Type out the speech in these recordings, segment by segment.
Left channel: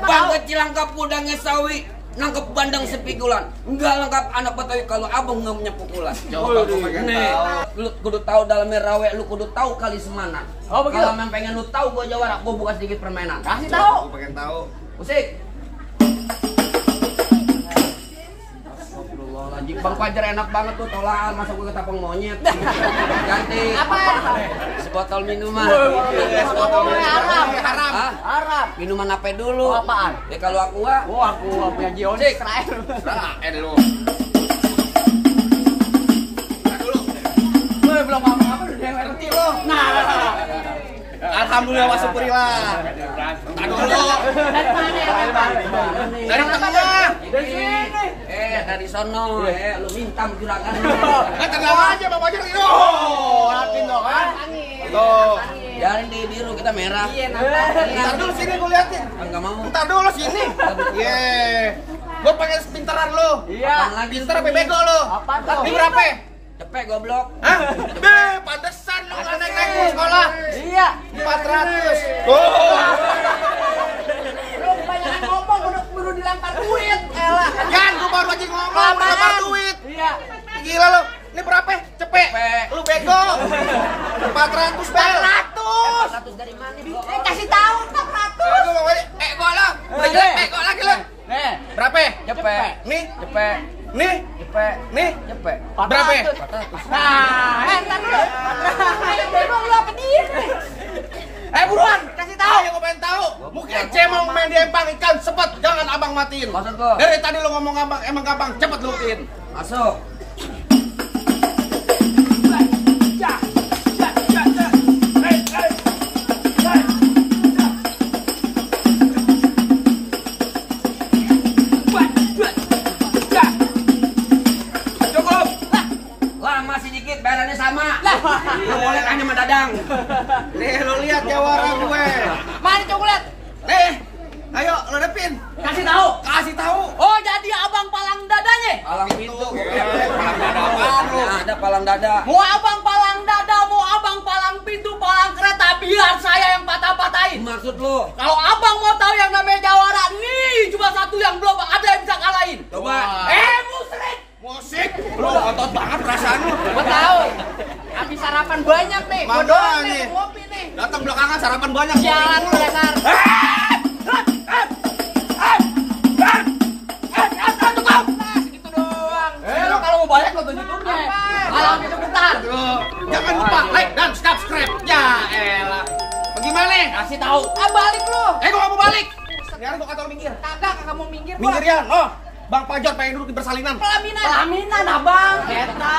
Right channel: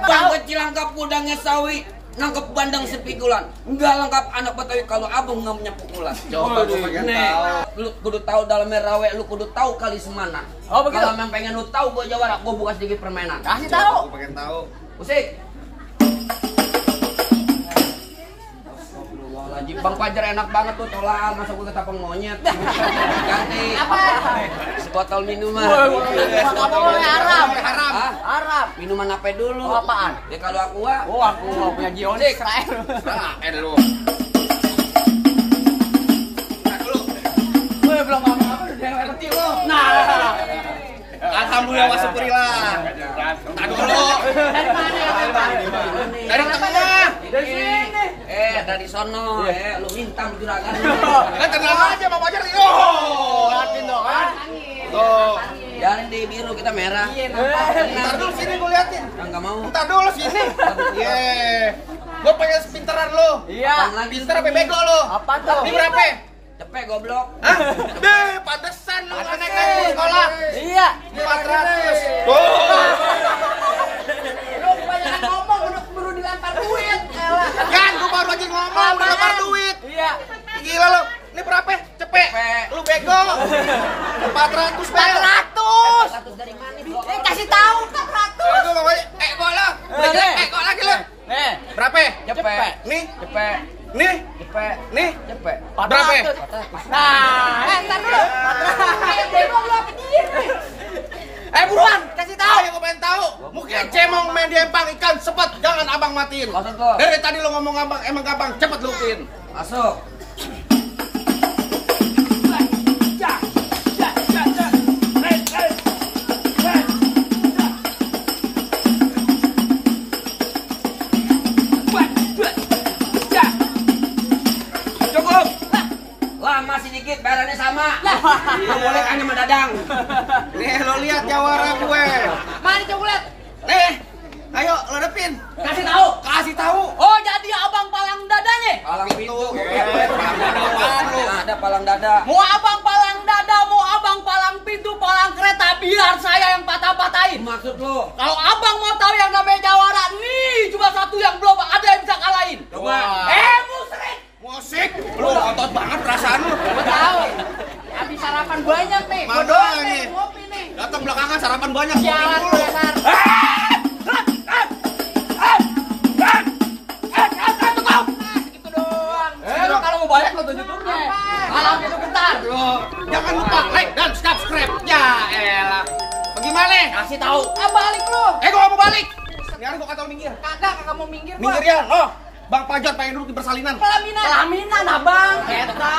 Bang kecil lengkap udangnya sawi, nangkep bandang sepikulan. Enggak lengkap anak Betawi kalau abang nggak punya pukulan. Coba gua pengen tahu. Lu kudu tahu dalamnya rawe, lu kudu tahu kali semana. Kalau memang pengen lu tahu gua jawara, gua buka sedikit permainan. Kasih tahu. Gua pengen tahu. Musik. Astagfirullahaladzim, Bang Fajar enak banget tuh tolak, masa gue ketapang monyet. Ganti. Apa? Sebotol minuman. Haram. Haram. Minuman apa dulu? Oh, apaan? Ya kalau aqua. Oh, aku punya Gionik. Israel lu. Belum ngomong apa udah ngerti lo. Nah. Alhamdulillah wa syukurillah. Tak dulu. Dari mana? Dari tengah. Dari sini. Dari sono. Lu minta juragan lu. Tenang aja Bang Fajar. Latin dong kan. Tuh. Biarin di biru kita merah. Ntar dulu sini gue liatin. Enggak mau. Ntar dulu sini. Ye. Gue pengen sepinteran lu. Iya. Pinter apa bego lu? Apa tuh? Ini berapa? Cepet goblok. Hah? Pantesan lu nggak naik sekolah. Iya. 400. Lu kebanyakan ngomong udah baru dilempar duit. Yan, gua baru aja ngomong udah lempar duit. Iya. Gila lu. Ini berapa? Cepet. Lu bego. 400 bel. 100 dari mana? Kasih tahu 400. Gua lah. Udah jelek gua lagi lu. Nih, Berapa? Cepet. Nih. Cepet. Nih. Cepet. Nih. Cepet. Berapa? nah, ntar dulu. Ayo bego lu apa dia nih? Buruan, kasih tahu. Ayo gua pengen tahu. Mungkin cemong main di empang ikan sepet, jangan abang matiin. Maksud lo? Dari tadi lo ngomong abang, emang gampang, cepet lutin. Masuk. Cukup. Lah masih dikit, bayarannya sama. Lo boleh tanya sama Dadang. Nih lo lihat jawara gue. Mana coklat? Nih, ayo lo depin. Kasih tahu. Kasih tahu. Oh, jadi abang palang dadanya. Palang pintu. Palang dada apaan lo? Ada palang dada. Mau abang palang dada, mau abang palang pintu, palang kereta, biar saya yang patah-patahin. Maksud lo? Kalau abang mau tahu yang namanya jawara, nih cuma satu yang belum ada yang bisa kalahin. Coba. Musrik. Musik. Lo otot banget perasaan lo. Gua tahu. Habis sarapan banyak nih. Mau Gua doang nih. Ngopi nih. Datang belakangan sarapan banyak. Jalan lenar. Segitu doang. Lo kalau mau banyak lo YouTube-nya. Alam itu bentar. Jangan lupa like dan subscribe. Ya elah. Bagaimana? Kasih tahu. Balik lu. Gua mau balik. Sekarang gua kata lo minggir. Kagak mau minggir. gua. Minggir ya. Oh, Bang Fajar pengen duduk di persalinan. Pelaminan abang. Eta.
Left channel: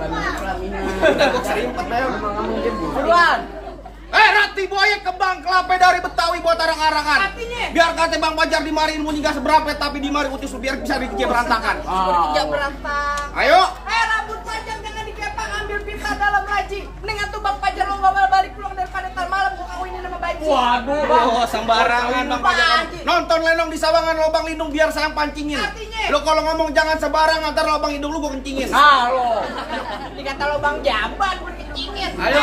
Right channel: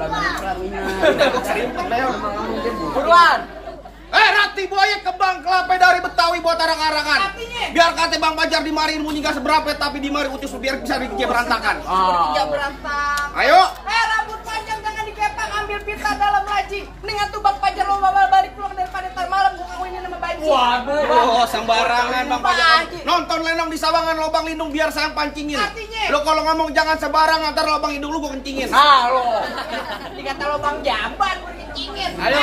Udah gua serimpet Bel. Emang ngomong dia buruk. Buruan. Rati buaya kembang kelapa dari Betawi buat arang-arangan. Artinya? Biar kata Bang Fajar di mari ilmunya gak seberapa, tapi di mari utus biar bisa dikejep berantakan. Tidak berantak. Ayo. Rambut panjang jangan dikepang, ambil pita dalam laci. Mendingan tuh Bang Fajar lo balik pulang daripada ntar malam gua kawinin sama Banci. Waduh. Oh, sembarangan Bang Fajar. Nonton Lenong di Sawangan lobang lindung biar saya pancingin. Artinya? Lo kalau ngomong jangan sembarangan, ntar lobang hidung lu gua kencingin. Lo. Dikata lo Bang Jamban, gua kencingin. Ayo.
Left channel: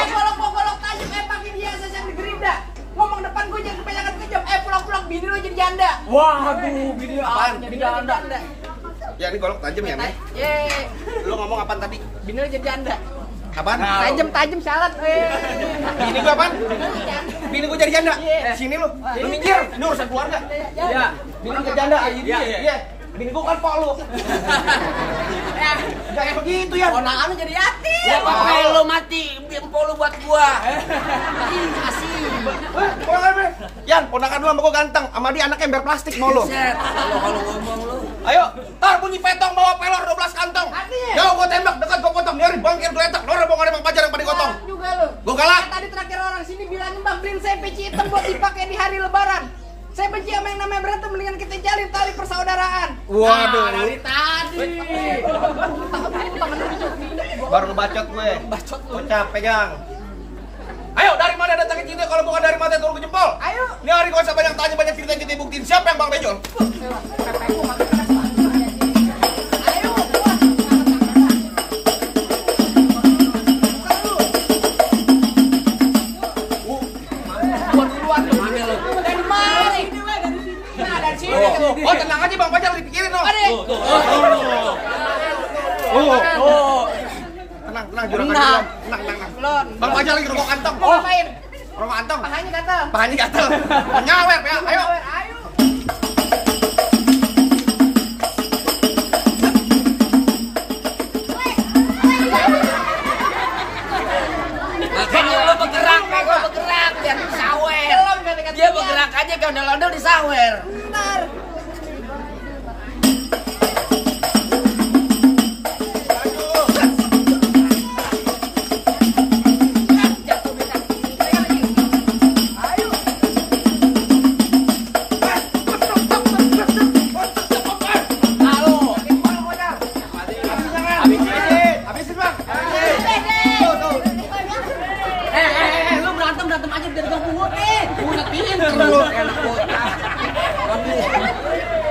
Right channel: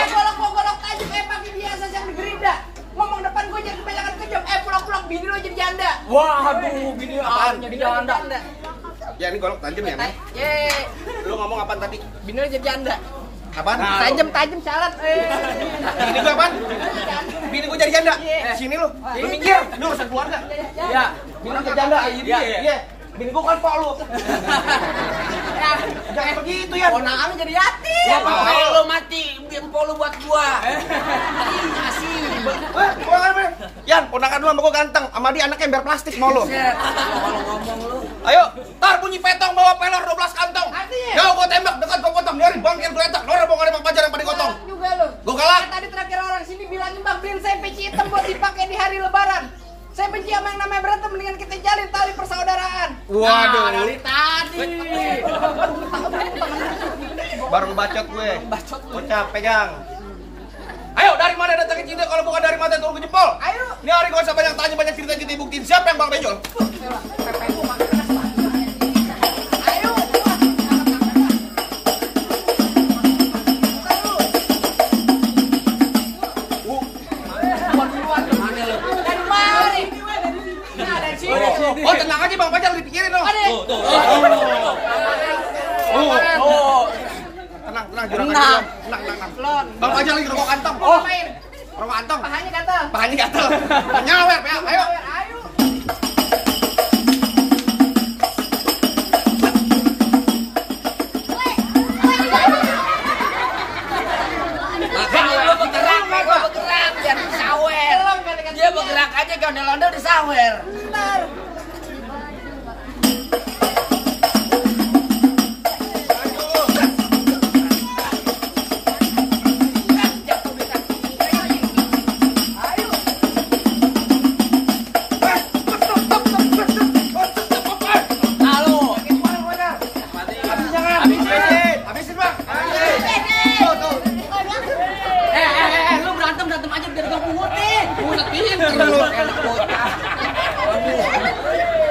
Golok tajam, pakai biasa yang di gerinda. Ngomong depan gue jangan kebanyakan kejam. Pulang-pulang bini lo jadi janda. Waduh, bini apaan? Jadi janda. Ya ini golok tajam ya, Nek. Ye. Lo ngomong apaan tadi? Bini lo jadi janda. Apaan? Tajam syarat. Bini gua apaan? Bini gua jadi janda. Sini lu. Lu minggir. Ini urusan keluarga. Iya. Bini gua janda. Iya. Bini gua kan pok lu. Jangan begitu ya. Ponakan lu jadi yatim. Ya pokoknya lo mati, empol lu buat gua. Yan, ponakan lu sama gua ganteng. Sama dia anaknya ember plastik mau lu. Kalau ngomong lu. Ayo, tar bunyi petong bawa pelor 12 kantong. Artinya? Jauh gua tembak, dekat gua potong. Nyari bangkir gua letak. Nora bawa ada Bang Fajar yang pada gotong. Juga lu. Gua galak. Tadi terakhir orang sini bilangin Bang beliin saya peci hitam buat dipakai di hari lebaran. Saya benci sama yang namanya berantem, mendingan kita jalin tali persaudaraan. Waduh. Dari tadi. Baru bacot gue. Bocah pegang. Ayo, dari mana datangnya cinta kalau bukan dari mata turun ke jempol? Ayo. Ini hari gak usah banyak tanya, banyak cerita, kita buktiin siapa yang Bang Benjol. Ayo. Dari mari. Oh, tenang aja Bang Fajar dipikirin loh. Tenang juragan dulu. Tenang. Bang Fajar lagi rokok kantong. Oh, main. Rokok kantong. Pahanya gatal. Pahanya gatel. Nyawer ya, ayo. Ayo. Makanya lo bergerak biar disawer. Dia bergerak aja kayak ondel-ondel disawer. Bentar. Lu berantem aja biar gak pungut nih. Pungutin lu.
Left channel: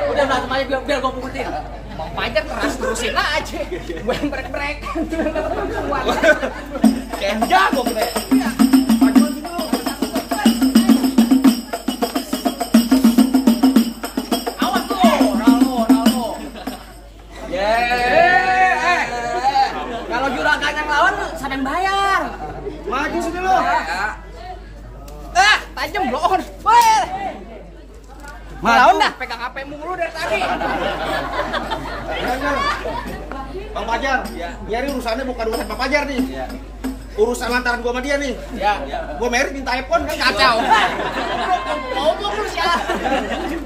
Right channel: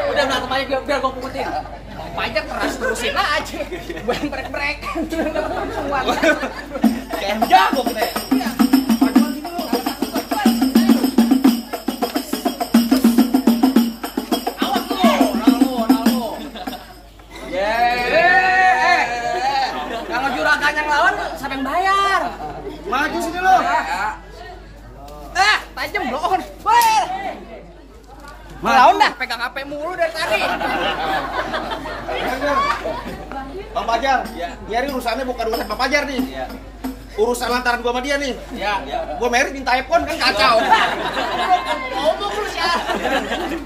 Udah berantem aja biar gua pungutin. Bang Fajar terusin aja. Gue brek-brek. Kayak jago kita. Awas tuh, Ralmo. Kalau juragan yang lawan siapa yang bayar? Maju sini lu. Tajam bloon. Weh. Lawan dah, pegang HP mulu dari tadi. Bang Fajar, ini urusannya bukan urusan Bang Fajar nih. Urusan lantaran gua sama dia nih. Gua merit minta iPhone kan kacau. Ngomong lu sih.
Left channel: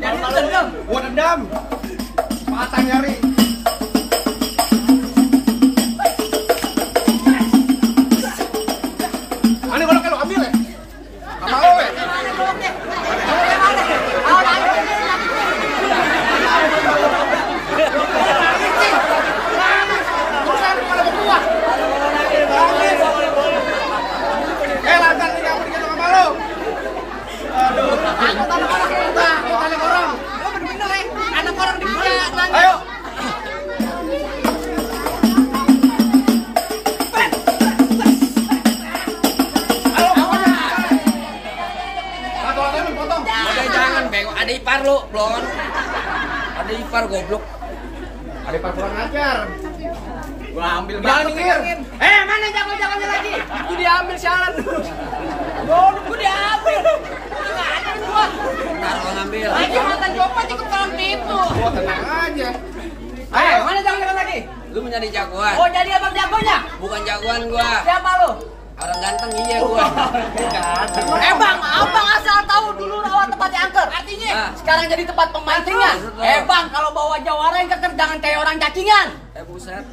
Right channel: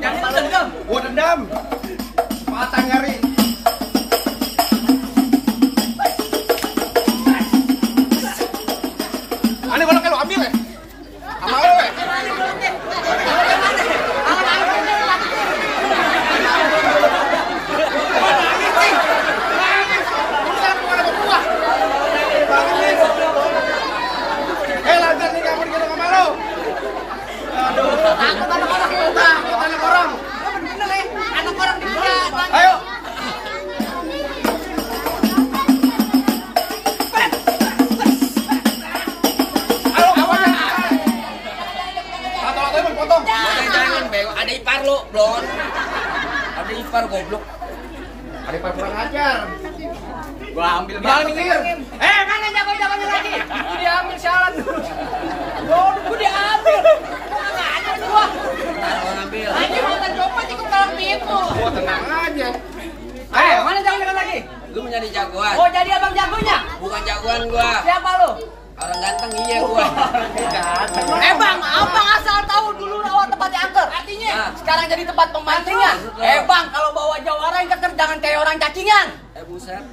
Jangan dendam. Gua dendam. Patah nyari. Ani goloknya lo ambil ya? Sama lo ya? Lantar nih kamu gitu sama lo. Aduh. Takut anak orang. Lo bener-bener ya, anak orang dibuat. Ayo. Jangan bego, ada ipar lu, blon. Ada ipar goblok. Ada ipar kurang ajar. Gua ambil Jangan mikir. Mana jago-jagonya lagi? Gue diambil sialan. Gue diambil. Nggak ada gua. Kalau ngambil. Lagi mantan copot ikut kolam itu. Gua tenang aja. Mana jago-jago lagi? Lu menjadi jagoan. Oh, jadi abang jagonya? Bukan jagoan gua. Siapa lu? Orang ganteng iya gua. Bang, abang asal tahu dulu rawa tempat diangker. Artinya sekarang jadi tempat pemancingan. Bang, kalau bawa jawara yang keker jangan kayak orang cacingan. Buset.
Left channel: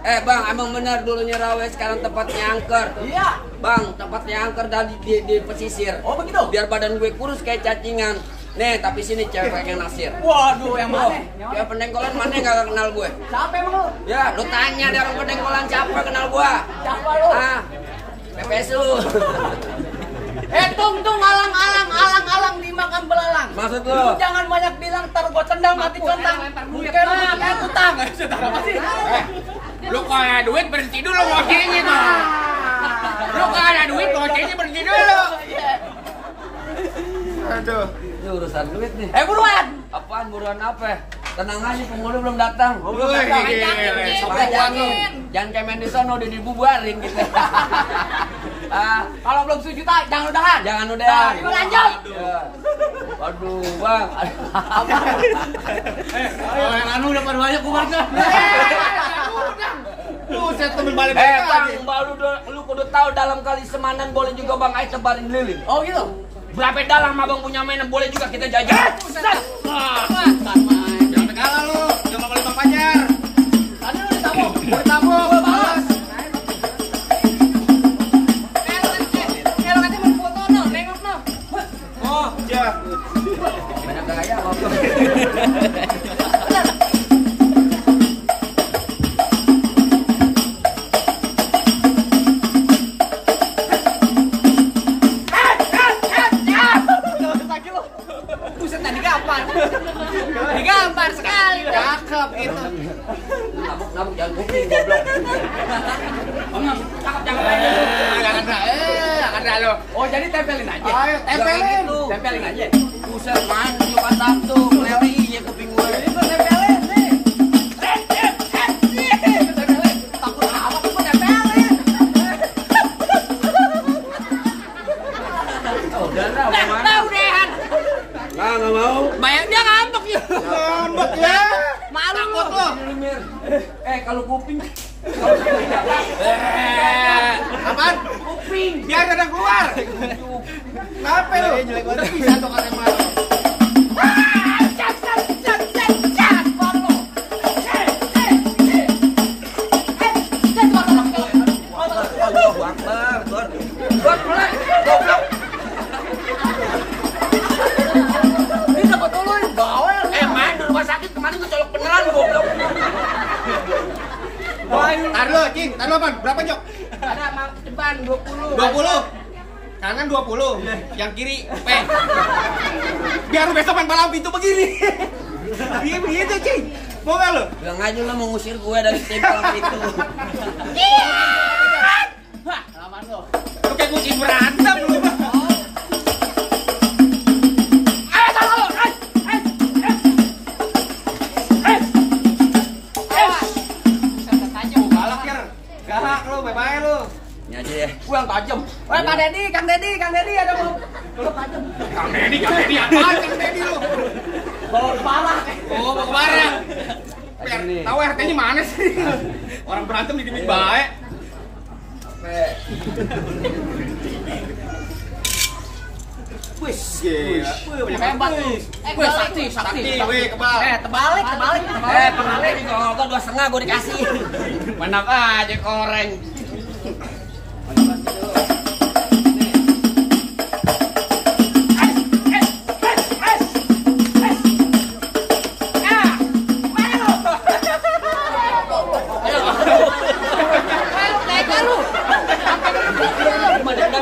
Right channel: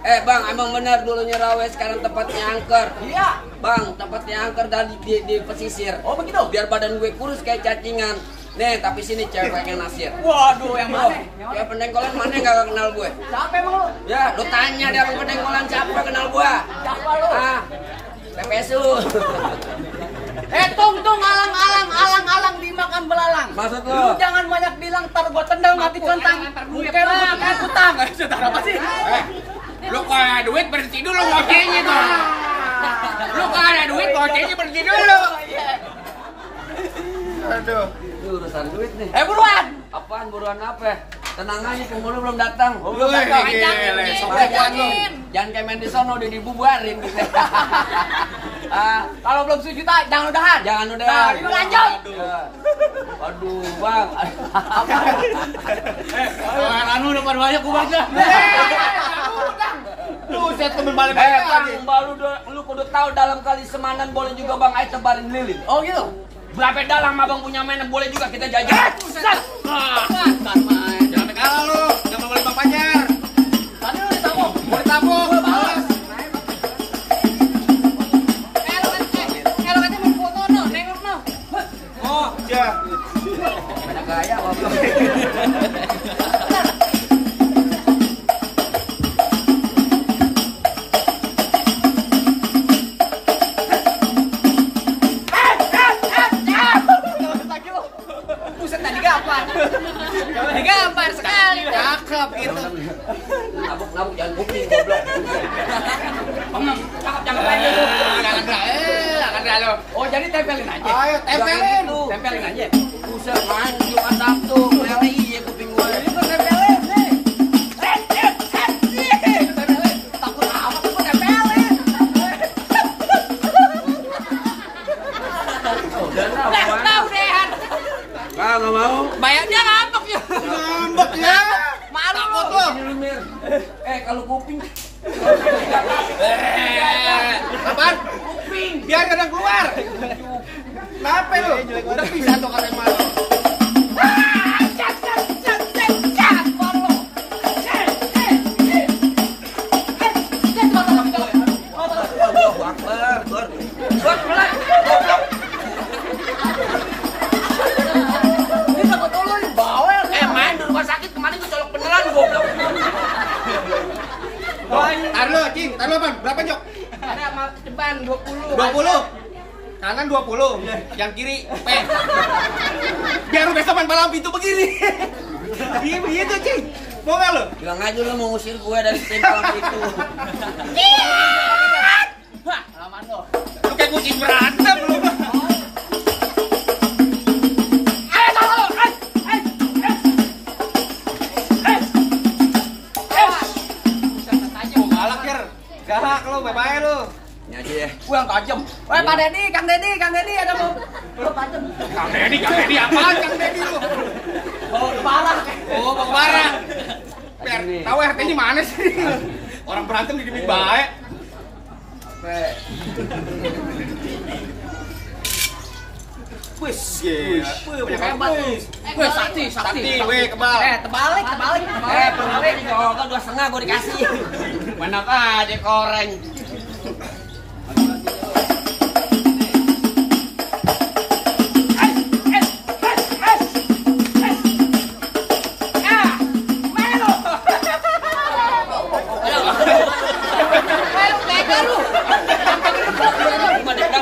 Bang, emang benar dulunya rawe sekarang tempatnya angker. Iya. Bang, tempatnya angker dan di pesisir. Oh, begitu. Biar badan gue kurus kayak cacingan. Nih, tapi sini cewek yang nasir. Waduh, yang mana? Ya pendengkolan mana yang gak kenal gue? Siapa emang lu? Ya, lu tanya di orang pendengkolan siapa kenal gue? Siapa lu? PPS lu. Tung, alang dimakan belalang. Maksud Lu lu? jangan banyak bilang, ntar gua tendang mati kentang. Bukan lah, kayak kutang. Apa sih? Lu kalau ada duit berhenti dulu ngocehnya tuh. Lu kalau ada duit ngocehnya berhenti dulu. Aduh. Ini urusan duit nih. Buruan! Apaan buruan apa? Tenang aja, penghulu belum datang. Jangan kayak main di sono udah dibubarin gitu. Kalau belum 1 juta, jangan udahan. Jangan udahan. Itu lanjut. Waduh, Bang. Yang anu udah pada banyak gua balik dah. Buset temen balik Bang, lu kudu tahu dalam kali semanan boleh juga Bang Ai tebarin lilin. Oh gitu? Berapa dalam abang punya mainan boleh juga kita jajan. Buset. Bukan main. Jangan negara lu, jangan boleh Bang Fajar. Tadi lu ditabung. Boleh tabung, balas. Kalau katanya mau foto no, nengok no. Oh, iya. Banyak gaya apa? Buset, tadi gampar. Digampar sekali. Cakep gitu. Nabuk jangan kuping goblok. Cakep aja lu. Jangan dah lu. Oh, jadi tempelin aja. Ayo tempelin. Tempelin aja. Buset main lu kasar tuh. Meleli ya kuping mau. Bayarnya ngambek ya. Ngambek ya. Malu lu. Kalau kuping. Apaan? Kuping. Biar ada keluar. Kenapa lu? Udah bisa dong ada malu. Allahu Akbar, Gor. Gor, mulai. Goblok. Bisa gua tolong bawel. Main di rumah sakit kemarin gua colok beneran goblok. Tar lu, Cing. Tar lu, Pan. Berapa, Jok? Ada depan 20. 20. Kanan 20. Yang kiri P. Biar lu besok main palang pintu begini. Iya begitu, Cing. Mau enggak lu? Bilang aja lo mau ngusir gue dari tim palang itu. Wah, aman lo. Lu kayak kucing berantem lu. Galak, Ker. Galak lu, bye-bye lu. Ini aja deh. Gua yang tajam. Woi, Pak Dedi, Kang Dedi ada mau. Lu tajam. Kang Dedi apaan Kang Dedi lu? Bawa kepala. Oh, mau kemana? Biar tahu RT-nya mana sih? Orang berantem di demi baik. Wis, banyak Hebat. wis. Sakti, weh, kebal. Terbalik. Pengen kalau enggak 2,5 gue dikasih. Mana aja koreng.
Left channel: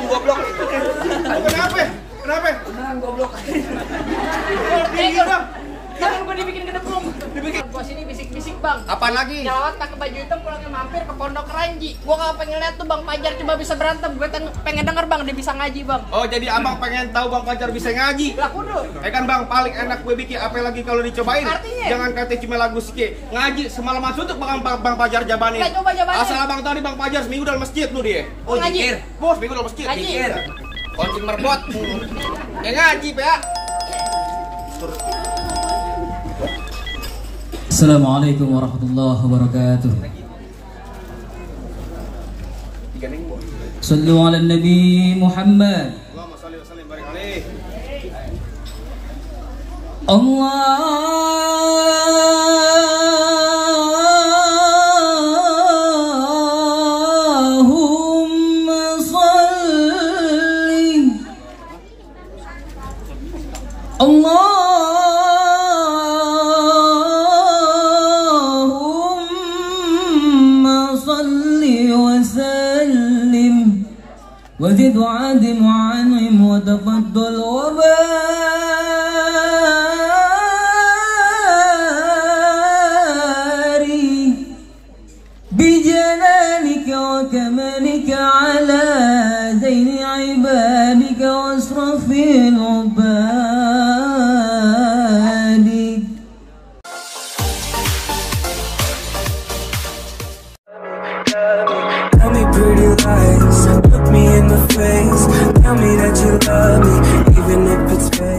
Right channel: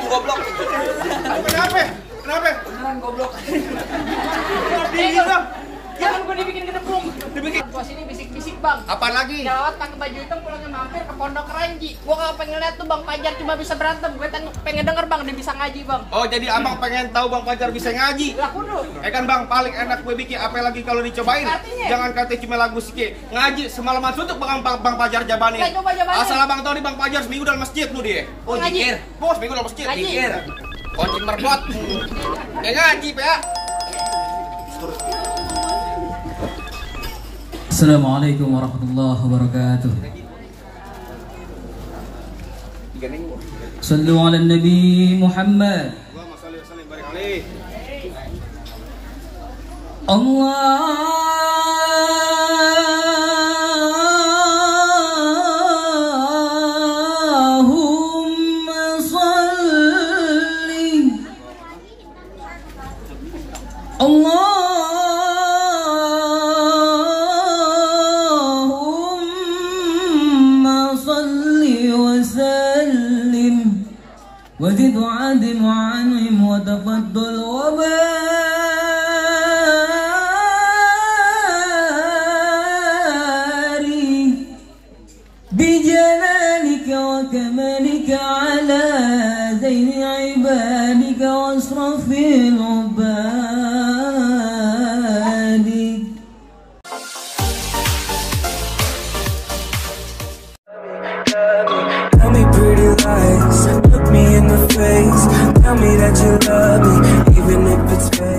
Goblok. Kenapa? Beneran goblok. Jangan gua dibikin gedeblok. Gua sini bisik-bisik, Bang. Apaan lagi? Gawat pakai baju hitam pulangnya mampir ke Pondok Keranji. Gua enggak pengen lihat tuh Bang Pajar cuma bisa berantem. Gua pengen denger Bang dia bisa ngaji, Bang. Oh, jadi abang pengen tahu Bang Pajar bisa ngaji. Lah kudu. Kan Bang paling enak gue bikin apa lagi kalau dicobain. Artinya? Jangan kata cuma lagu sikit. Ngaji semalaman suntuk Bang Pajar jabanin. Ya, coba jabanin. Asal abang tahu nih Bang Pajar seminggu dalam masjid lu dia. Oh, Ngaji. jikir. Bos, seminggu dalam masjid. Ngaji. Jikir. Koncing merbot. Ngaji, Pak. Assalamualaikum warahmatullahi wabarakatuh. Sallu ala Nabi Muhammad. Allahumma shalli wa sallim barik alaihi. Allahumma salli. وزد وعدل وعنهم وتفضل وبارك بجلالك وكمالك على زين عبادك واشرف عبادك. Tell me pretty lies, look me in the face. Tell me that you love me, even if it's fake.